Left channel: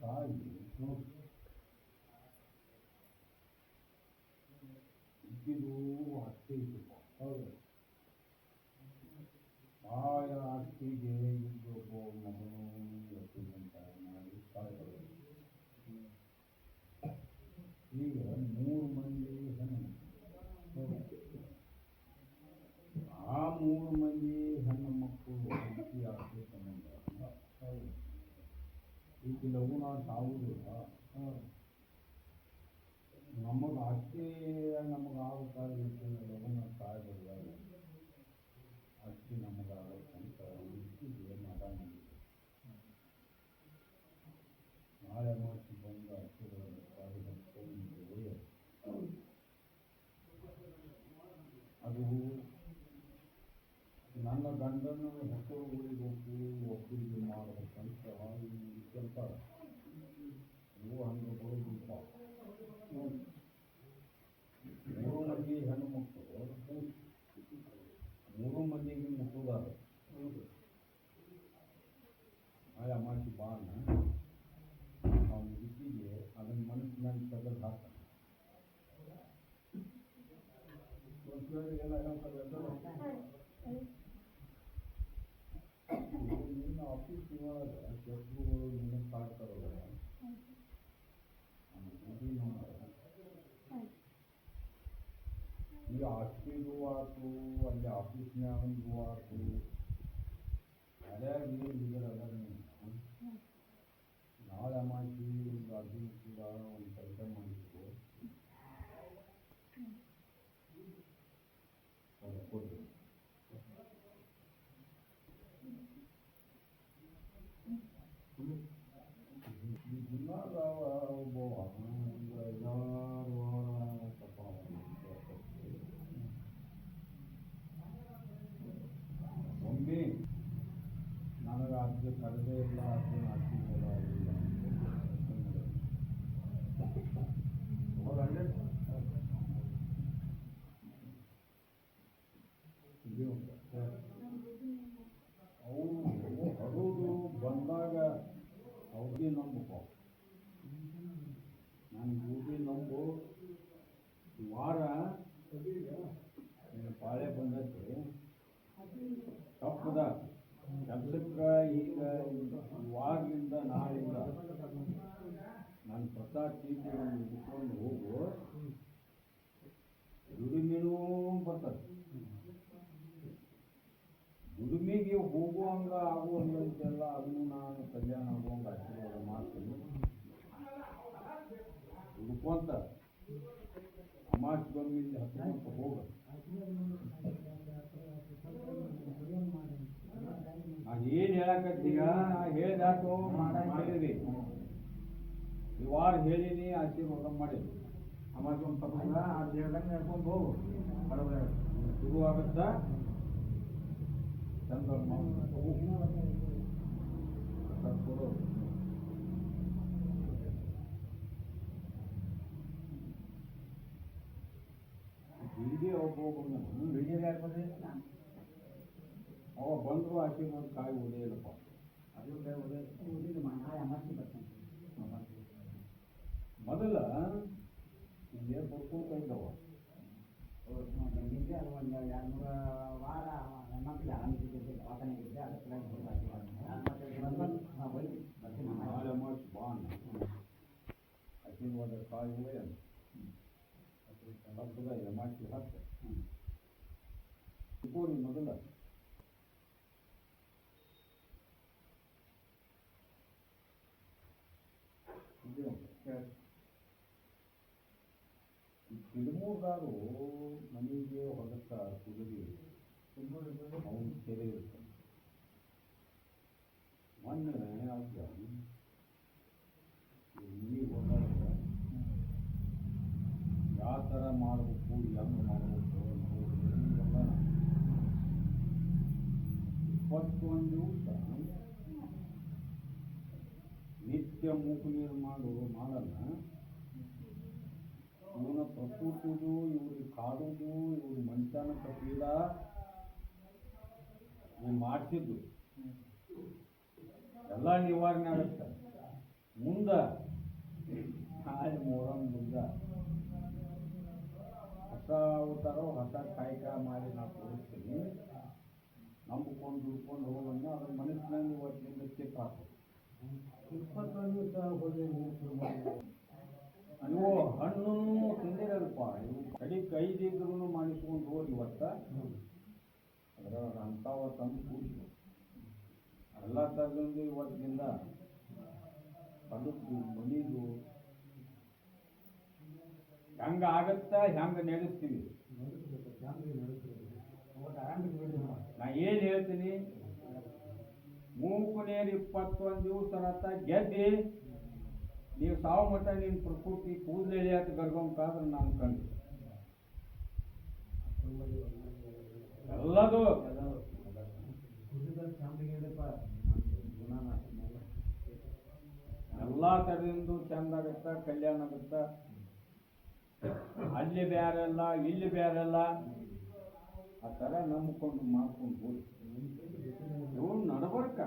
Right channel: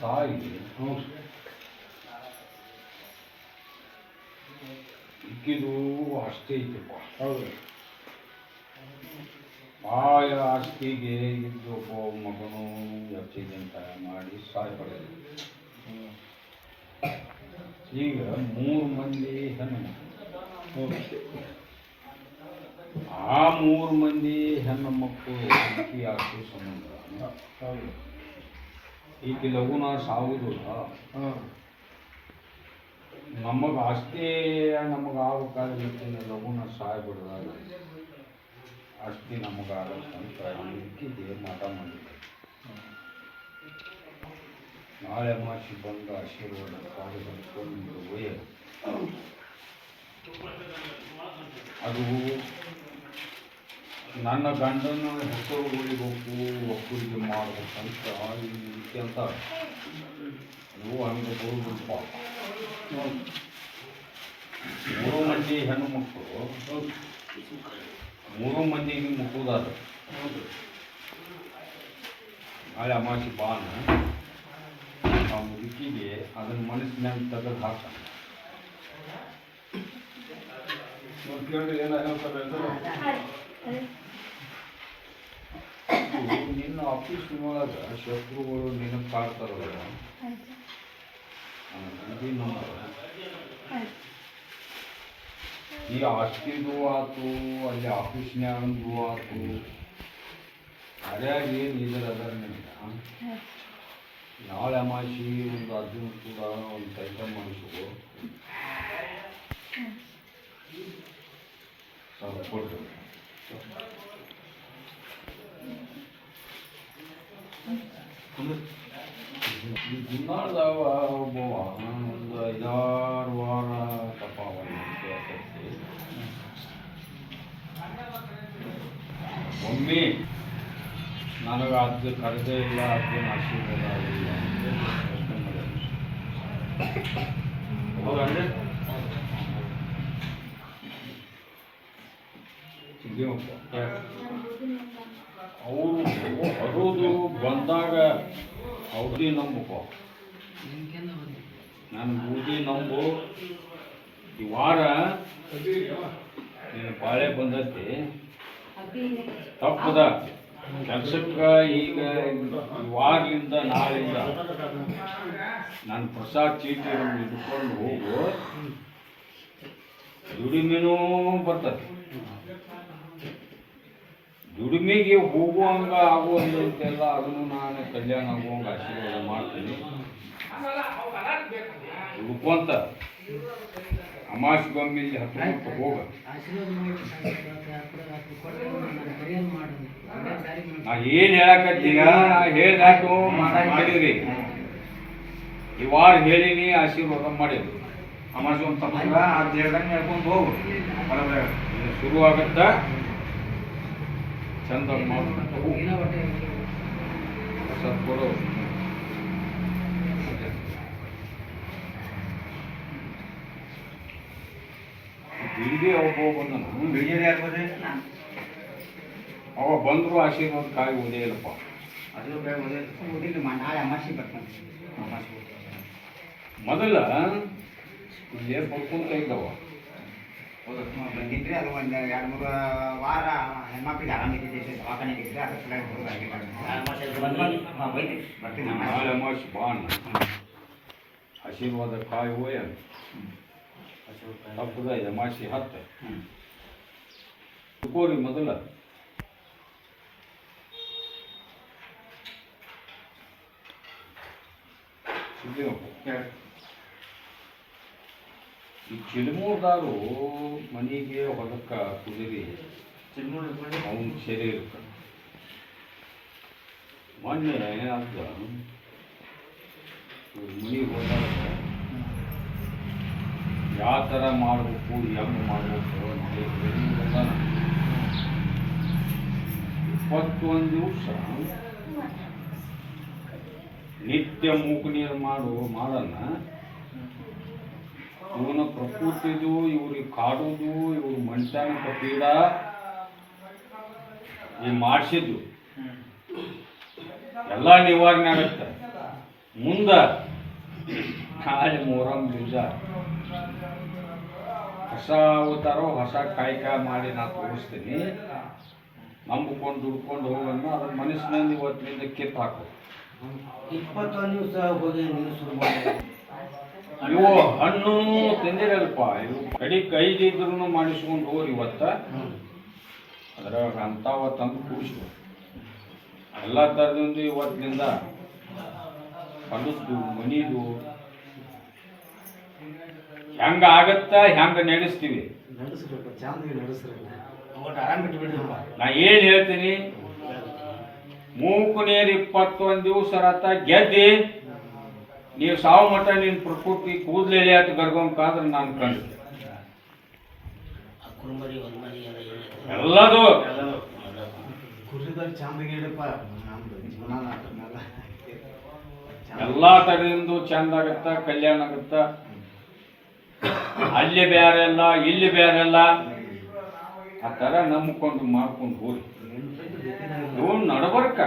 ತಾಯಿ ಅಷ್ಟೇ ಐತಪ್ಪ ಹೌದು ಭಾಳ ಆಸ್ತಿಗೆ ಇದ್ದು ಒಬ್ಬ ಮಗನು ಆಕ್ಸಿಡೆಂಟ್ ಮಾಡಿ ಸಾಯ್ ಪಡೆದ ಈಗ ಮೂರು ಮಂದಿ ಹೆಣ್ಣು ಆ ಮೂರು ಮಂದಿ ಹೆಣ್ಣು ಮಕ್ಕಳು ಈಕಿ ಆಸ್ತಿ ಸಂಬಂಧ ಹೌದು ಈಕೆ ಲಗುನ ಸಾವುದಿಲ್ಲ ಹಾಂ ನಮಗೆ ಆಸ್ತಿ ನಮಗೆ ಆಗ್ಬೇಕಾದ್ರೆ ಲಗುನ ಸಾಯ್ಬಿಡ್ದಾಗ ಆಸ್ತಿ ನಮಗಾಗತ್ತಂತ ಈಕಿಗೆ ಮಾಟ ಮಾಡಿದ್ದೆ ನಾಳೆ ಮಾಸಿ ಬಂದ ಆಶೀರ್ವಾದ ಪಾಲು ಬಂದ್ಕೊಂಡು ಒಯ್ಯ ಅದು ನನ್ನ ಗಂಡನ ಉಳಿಬೇಕು ಒಬ್ಬರಿಗೆ ಮಾಡ್ಬೇಕಂತ ಅಂತ ಇವು ಹಂಗೆ ಬರುವುದಪ್ಪ ಮೂರು ಮಂದಿ ಹೆಣ್ಣು ಮಕ್ಕಳು. ಮೂರು ಮಂದಿಗೆ ಮುಟ್ಟುವುದಾದ ನಾಳೆ ಅಮಾಸಿ ಬಾನ. ಆ ಮುದುಕಿಗೆ ಅದನ್ನ ಮನಸ್ಸಿನಾಗ ತೆಗೆದು ಹಾಕ ಕೇಳಿದ್ರೆ ಏನಾಗುತ್ತೆ ನಿನ್ನ ಆಫೀಸ್ ಒಳಗೆ ಶತ್ರುಗಳು ನಿನಗೆ ಕಾಡ್ತಾರಲ್ಲ ಇದು ನಂಬರ್ ಈ ಆಸ್ತಿದು ಆತು ಅಲ್ಲಿ ಆಫೀಸ್ನ್ಯಾಗಂದು ಆತು. ಯಾರ್ಯಾರು ಏನು ಇದರ ಅದರ ನಿನಗೆ ನಾಳೆ ಅಮಾಸಿ ಒಂದು ಅರ್ಜುನ ಕೂಡ ಒಂದು ಕೆಲಸ ಮಾಡಿಸು ಕೊಡ್ರಿ. ಈ ದಿನಾಳ್ದಾಗ ಒಬ್ಬವ ಒಂದು ಐದಾರು ವಾರ ತಪ್ಪಾವ ಒಮ್ಮೆ ನನಗೆ ಅದು ಕರೆದೇ ಇಲ್ಲ ಅದು ಆಶೀರ್ವಾದ ಆಗಿಲ್ಲ. ಅವರು ಬರೋದು ಬಂದಾಗ ಅವ್ರದೇ ನಂಬಪ್ಪ ನಾನು ಬೂದಿ ನಂಬು. ಈ ವಾರ ನೀನು ಬಾಳೆ ಬಂದೈತಿ ತಪ್ಪದ. ಕೆಲ್ಸಕ್ಕೆ ಈಗ ವಾರದಿಂದ ನಾಳೆಯಿಂದ ನಾನು ಪ್ರಸಾದ್ ಚೀಟಿ ಇಟ್ಕೊಂಡು ಹೋಗು. ದುಡಿಮೆನೂ ಬರ್ತದೆ. ದುಡಿಮೆಗೆ ಹೋಗುವಂಗ ಆಗುವಂತೆಲ್ಲ ಅದನ್ನು ನಾನು ಕಲ್ಯಾಣ ಆಗುವಂಗ ಆಶೀರ್ವಾದ ಮಾಡ್ತೀನಿ. ಹುಡ್ಕೊಂತ ಅಮಾಶ್ ಇಲ್ಲಿ ಹತ್ತು ಹೋಗ. ನಾ ಏನು ಹೇಳಕತ್ತೀಗ ಹೇಳ್ದಾಕು ಮಾಡಿದ್ರಿ. ಈ ವಾರ ಹೇಳಿನಿ ಆಶೀರ್ವಾದ ಮಾಡಿದ್ರು. ತಪ್ಪ ಅದು ಹೇಳ್ದಂಗೆ ಹೇಳ್ಕೊಂಡು ಹೋಗು. ಶುರು ಆಗತ್ತ ಚಂದ ಆಗ್ಬೋದ್ರಿ ಅವ ಬಂದ್ರು ಆಶೀರ್ವಾದ ಕಾಯಿ ಓದೇ ಇಲ್ಲಪ್ಪ. ಅದು ಬೇಡ ಓದಿಲ್ಲ ನಾಳೆ ಅಮಾಸಿ ಬರ್ತಾನೆ ಅಮಾಸಿ ಮೊದಲ ಇಲ್ಲೇ ಇದ್ದವ. ಬಂದಿದ್ರಿ ಅದು ಒಂದು ಎರಡು ಮೂರು ವಾರ ಹೆಣ್ಮಕ್ಳಿಗೆ ಆರಾಮಿದ್ದೆ ದವಾಖಾನೆಗೆ ಇದ್ರೆ ಅದ್ರ ಸಲುವಾಗಿ ಹುಡುಗ ಅಡ್ಗೆ ಮಾಡ್ತೀನಿ ಬರ್ತೀನಿ ಬಾಂಡ್ ಆಶೀರ್ವಾದ ಕಾಯಿ ಓಯನ್ ತಪ್ಪದ ಎಮಾಶಿ ಹತ್ತು ಕೋರಿ ಮೊದಲ ಸಿದ್ದಿನಪ್ಪ ಚಿಲ್ಮೂರ್ದಾರು ಮನೆಗೆ ಹೊಲಕ್ಕ ಕುದುರಿ ಅವನ ಸೆರೆ ಇರ್ತಾನೆ ಮೊನ್ನೆ ಏನಾಗ್ತ ಮನೆಗೆ ಹೋದಾಗ ಯಾವ ಥರ ಮಾಡಬೇಕು ಹೆಂಗೆ ಮಾಡಬೇಕು. ಇಪ್ಪತ್ತೊಂದು ದಿವಸ ನಿತ್ಯ ಮೂಕು ನೀರು ಮಾಡು ಮಾಡನ್ನ ಇವನ ಪ್ರಕೃತಿದು ಇವ್ರಿಗೆ ಕಾಡೋದು, ಇವ್ರ ಮನುಷ್ಯನ ಪೀಡ ಈ ಮಾಡಿಸಿದ್ದು. ಎಲ್ಲ ನಿವಾರಣೆ ಆಗುತ್ತೆ. ಮುಂದ ನಾಳೆ ಮೊಹರಂ ದಿವಸ ಹೊಸ ಅವತಾರೋ ಹೊಸ ಕಾಯಕ ಮಾಡಿ ನಾ ತೋರಿಸ್ತೀನಿ. ನಂಬಿಕೊಂಡು ದುಡ್ಕೊಂಡು ಹೋಗೋಣ ಅದ್ರ ಮನಸ್ಸಿನಲ್ಲಿ ಇವತ್ತಿನಿಂದ ಕಿತ್ತು ಹಾಕು ಇಪ್ಪತ್ತೊಂದು ದಿವಸ ಹೋಗಿ ನೀರು ಶುರು ಮಾಡಿ. ಇವು ಹಣ್ಣು ತಿಂದಿರಲ್ಪ ಇವು ಕಡಿ ಕೈದಿದ್ರು ಮಾಡಿಸ್ಕೊಂಡು ಹೋಗ್ರಿ ಇವತ್ತ. ಅದ್ರಾಗ ಅಂತಾವ ತಂದು ಕೂಡಿಸ್ಬೇಕು ಎಲ್ಲ ಥರದಿಂದ ಇವತ್ತಿನಿಂದ ಹೊಲದ್ದು ಮನಿದು ಹೆಂಗ ಆಗತ್ತ ಹೆಂಗ ನಡೆಸ್ತೀವಿ? ನಾ ಏನ್ ಹೇಳ್ತೀನಿ? ಮೂಕು ನೀರು ಇಪ್ಪತ್ತೊಂದು ದಿವಸ ರಥ ಗೆದ್ದಿ ನೀವು ಸಾವು ಮಟ್ಟ ನಿನ್ ಪ್ರಕೃತಿ ಕೂದಲೆಲೆ ಅಂತ ಗರ್ಗೊಂಕಾದ್ರೆ ನಾನು ಕಂಡು ಎಲ್ಲದು. ಎಲ್ಲ ತರದಿಂದ ಚಂದ ಆಗತ್ತ ಕಲ್ಯಾಣ ಆಗತ್ತ. ಅಲ್ಲಿ ಬೇರೆ ಅಲ್ಲ ಇಲ್ಲಿ ಬೇರೆ ಅಲ್ಲ ಆ ಥರ ನಂಬ್ಕೊಂಡು ಮಾಡ್ಕೊಂಡು ಹೋಗಿ ಇವು ನಡಬರ್ಕ.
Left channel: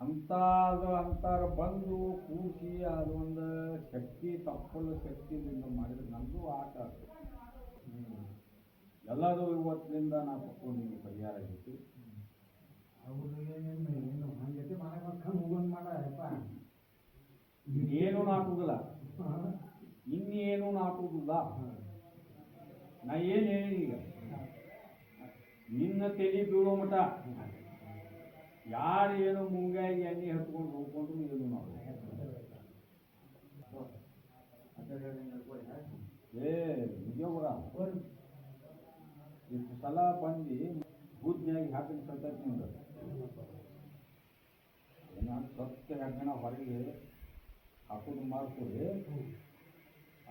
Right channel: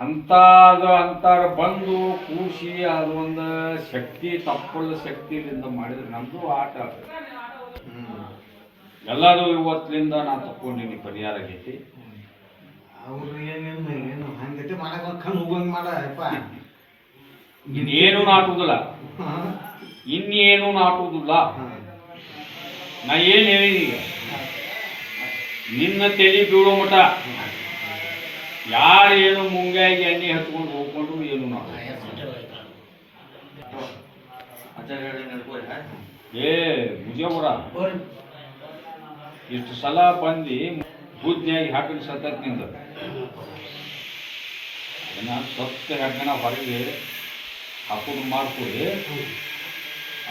ಅಂತಾದ ಅಂತಾರ ಬಂದು ಕೂಸಿ ಅದು ಒಂದು ಶಕ್ತಿ ತಪ್ಪಳ ಶಕ್ತಿಯಿಂದ ಮಾಡಿದ್ರೆ ನಮ್ಮದು ಆಟ ಎಲ್ಲರೂ ಇವತ್ತಿನಿಂದ ನಾ ತಕ್ಕೊಂಡಿನಿ ಪರಿಹಾರ ಆಗೈತಿ ಅವ್ರು ಏನೇನು ಏನು ಹಂಗೈತೆ ಮಾಡಕ್ ಕಣ್ಣು ಹೋಗಂಗ್ ಮಾಡಪ್ಪ ಇನ್ನೇನು ನಾಟುವುದಿಲ್ಲ ಇನ್ನೇನು ನಾಟುವುದಿಲ್ಲ ನಾ ಏನು ಹೇಳಿದೀಗ? ಈಗ ನಿನ್ನ ತಲೆ ಬೀಳೋ ಮಟ ಯಾರು ಏನು ಮುಂಗಾಗಿ ಎಣ್ಣೆ ಹತ್ಕೊಂಡು ಹೋಗ್ಕೊಂಡು ಏನು ನಾವು? ಏ ಮುಜೇಬುರ. ಇಷ್ಟು ಸಲ ಬಂದು ಬುದ್ಧಿಯಾಗಿ ಹಾಕಿದ ಸತತ್ನಿಂದ. ಏನ ಸತ್ತ ಹಾಕೋಣ ಹೊರಗೆ ಹಾಕೊಂಡು ಮಾಡ್ಕೊಡಿ.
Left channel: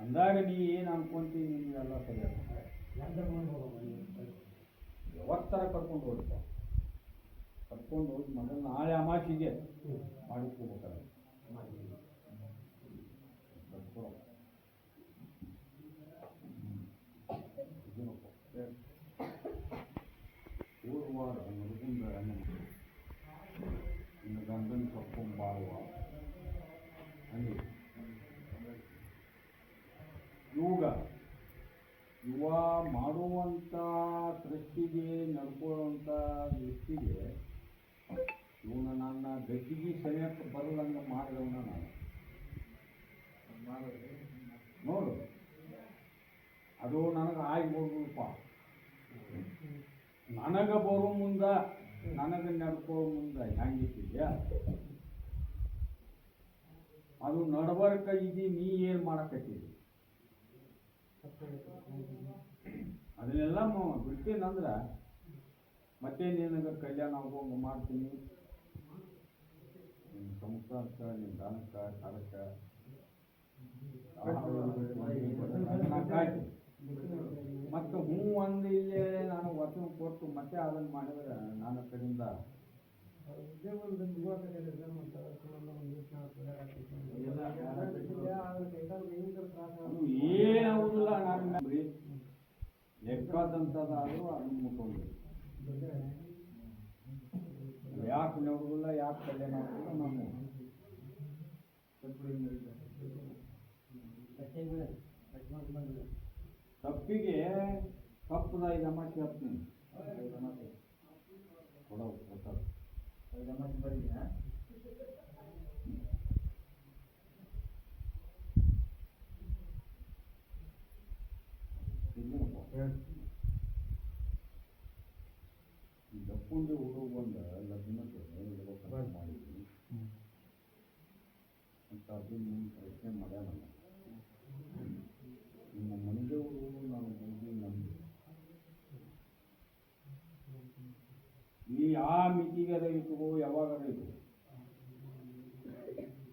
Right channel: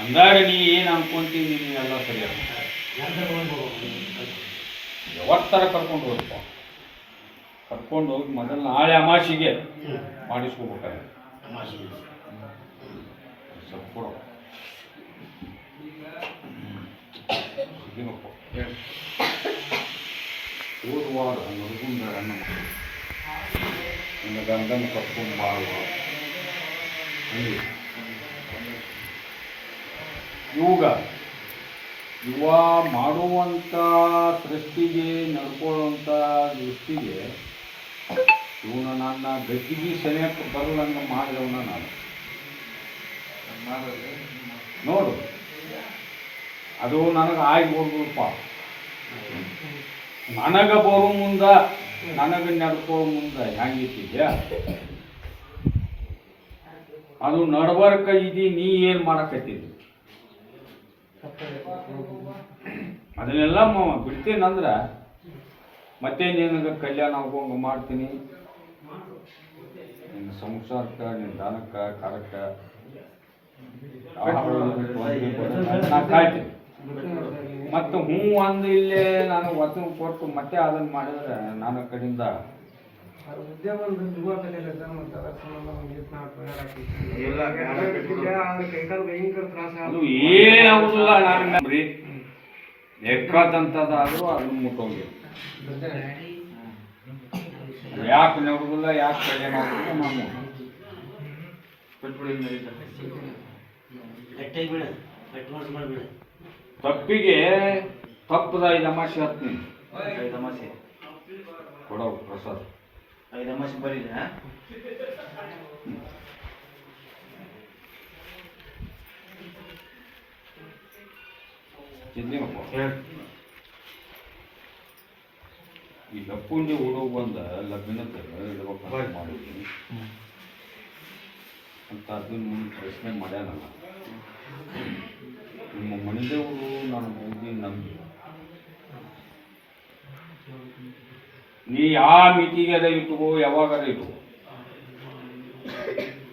ಅಂದಾಗ ನೀ ಏನು ಅನ್ಕೊಂತೀನಿ ನೀನು ಎಲ್ಲ ಸರಿಯಾಗ ಯಾವತ್ತರ ಕರ್ಕೊಂಡು ಹೋಗಪ್ಪ ಕರ್ಕೊಂಡು ಹೋಗಿ ಮೊದಲು ನಾಳೆ ಅಮಾಸಿಗೆ ಮಾಡಿಸ್ಕೋಬೇಕಾರೆ ಸ್ವಲ್ಪ ಕೊಡು. ನಡ್ಕೊಂಡ ಅಣ್ಣ ನನ್ನ ಗಂಡನ ಕರ್ಕೊಂಡು ಬಾಳುವ. ಯೋಗ ಇವಾಗ ಯುವ ಮಾಡುವಂಥ ಸೃಷ್ಟಿಗೆ ನಡ್ಕೊಳ್ಳುವಂಥ ದೃಷ್ಟಿಗೆ ಇವನು ನನ್ನ ಗದ್ದಿಗೆ ಸರಿಯಕ್ಕೆ ಬರಲಂಗ ಮಾಡಿದವನ ನಾನು. ನೋಡು. ಅದು ನನಗೆ ಆಗಿ ಹೋಗ್ಬಿಡಪ್ಪ ನನಗೆ ಬರೋ ಮುಂದ ನನಗೆ ನಡ್ಕೋ ಮುಂದ ಹೆಂಗಿಟ್ಟಿದ್ಯಾ ಅದು ನಡ್ಬರ್ಕ ಇದಿ ನೀ ಏನು ಮಾಡಕತ್ತಿದ್ದಿ ಅದನ್ನೆಲ್ಲ ಬಿಡ್ತೇನಂದ್ರೆ ಬಿಡ್ತೀನಂದ್ರ ಮತ್ತೆ ನಿನಗೆ ಕಲ್ಯಾಣ ಆಗೋಂಗ ಮಾಡ್ತೀನಿ. ನಿನ್ನ ಸಂಸಾರಕ್ಕ ನಿನ್ನ ದಾನಕ್ಕ ಮತ್ತ ಕಾಯ್ತೀನಿ. ಮತ್ತು ಹ್ಞೂ ಅಂದು ಇಲ್ಲೇ ನಾನು ವಚನ ಕೊಟ್ಟು ಮತ್ತೆ ಅದನ್ನು ಮಾಡಿದ್ರೆ ನನ್ನ ಕಡೆಯಿಂದ ಅದು ಏನಾಗುದಿಲ್ಲ ನಾನು ಬರೀ ಎಕ್ಕದಂಥದ್ದಾದ್ರೂ ಅದನ್ನು ಮುಟ್ಟೋಂಗಿಲ್ಲ ಯಾಕೆ ನೋಡುದಿಲ್ಲ ಯಾಕೆ ಕಡೆ ಆಗುದಿಲ್ಲ ನಮ್ಮ ತಪ್ಪಿಗೆ ತಪ್ಪದ ಐದು ಅಮಾಸೆ ಹತ್ತೀನಿ ಐದು ಅಮಾಸೆ ಕೊಡೋ ಪ್ರಸಾದ ಐದು ಅಮಾಸೆ ಬರೀ ಚಿಂತೆ ಈ ಲಪ್ಪುಂಡಿ ಹುಡುಗ ಬಂದ ಲಗ್ನದ ಇಡ್ಬೇಕಂತ ಮಾಡಿದ್ವಿ ಅಂತ ಅದನ್ನು ಮುಂದೆ ಪ್ರಶ್ನೆ ಮಾಡ್ಯಾನಲ್ಲ. ನಿಮ್ಮ ಮನೆದೇವರು ನಾನು ಹೋಗಿ ನಂಬಿ. ನೀ ಯಾವ ಮಿತಿಗೆ ಅದ ಇಟ್ಕೋ ಯಾವಾಗದ ಇಟ್ಕೋ.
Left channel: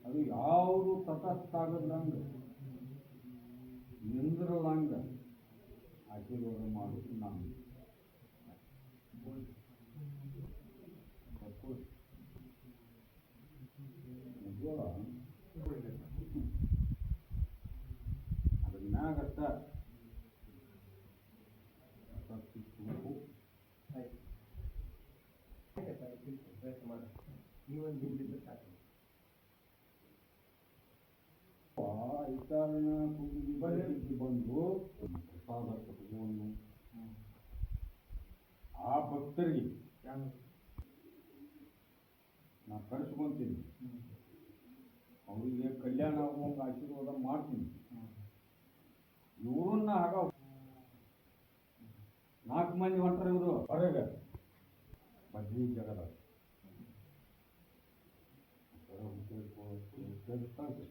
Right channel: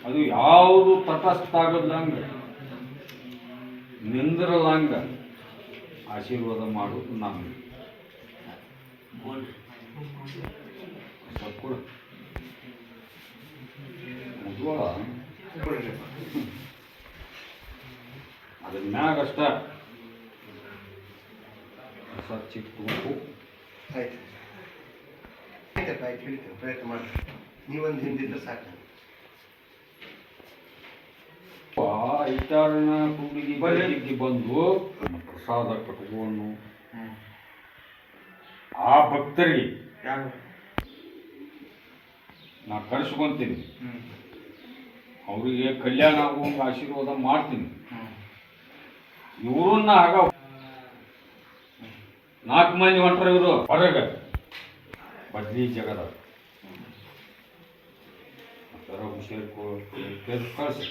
ಅದು ಯಾವುದು ತಟಸ್ಥ ಆಗದಂಗ ನಿಂದ್ರಲಂಗ. ಆಶೀರ್ವಾದ ಮಾಡೋದು ನಮಗೆ ಅದ್ರ ಮ್ಯಾಗ ಅಷ್ಟ ಚಿಕ್ಕ ಆಯ್ತು ಆಯ್ತಪ್ಪ ಆಯ್ತು ಹೇಳ್ತೇವೆ ಪ್ರಯತ್ನ ಮಾಡಿ ನೀವೊಂದು ಹಿಂದಿದ್ರೆ ಸಾಕು ಐತಾರನ ಕೂಡಿಗೆ ಬರಲಿಕ್ಕೆ ಬಂದು ಪ್ರಸಾದ ಕಟ್ಕೊಂಡು ಆ ಭಕ್ತರಿಗೆ ನಾ ಕರೆಸ್ಕೊಂತೀನಿ ಅವರಿಗೆ ಕಲ್ಯಾಣ ಆಗುವಂಗ ಆಶೀರ್ವಾದ ಮಾಡ್ತೀನಿ. ಇವ್ರನ್ನ ಆಗ ನಾಲ್ಕು ಮಂದಿ ಹೊಂಟ್ರ ಇವರು ಹೊರಗೆ. ಬದ್ಲಿ ಜಗದ. ಹುಷಾರು ಕಳ್ಸಿ.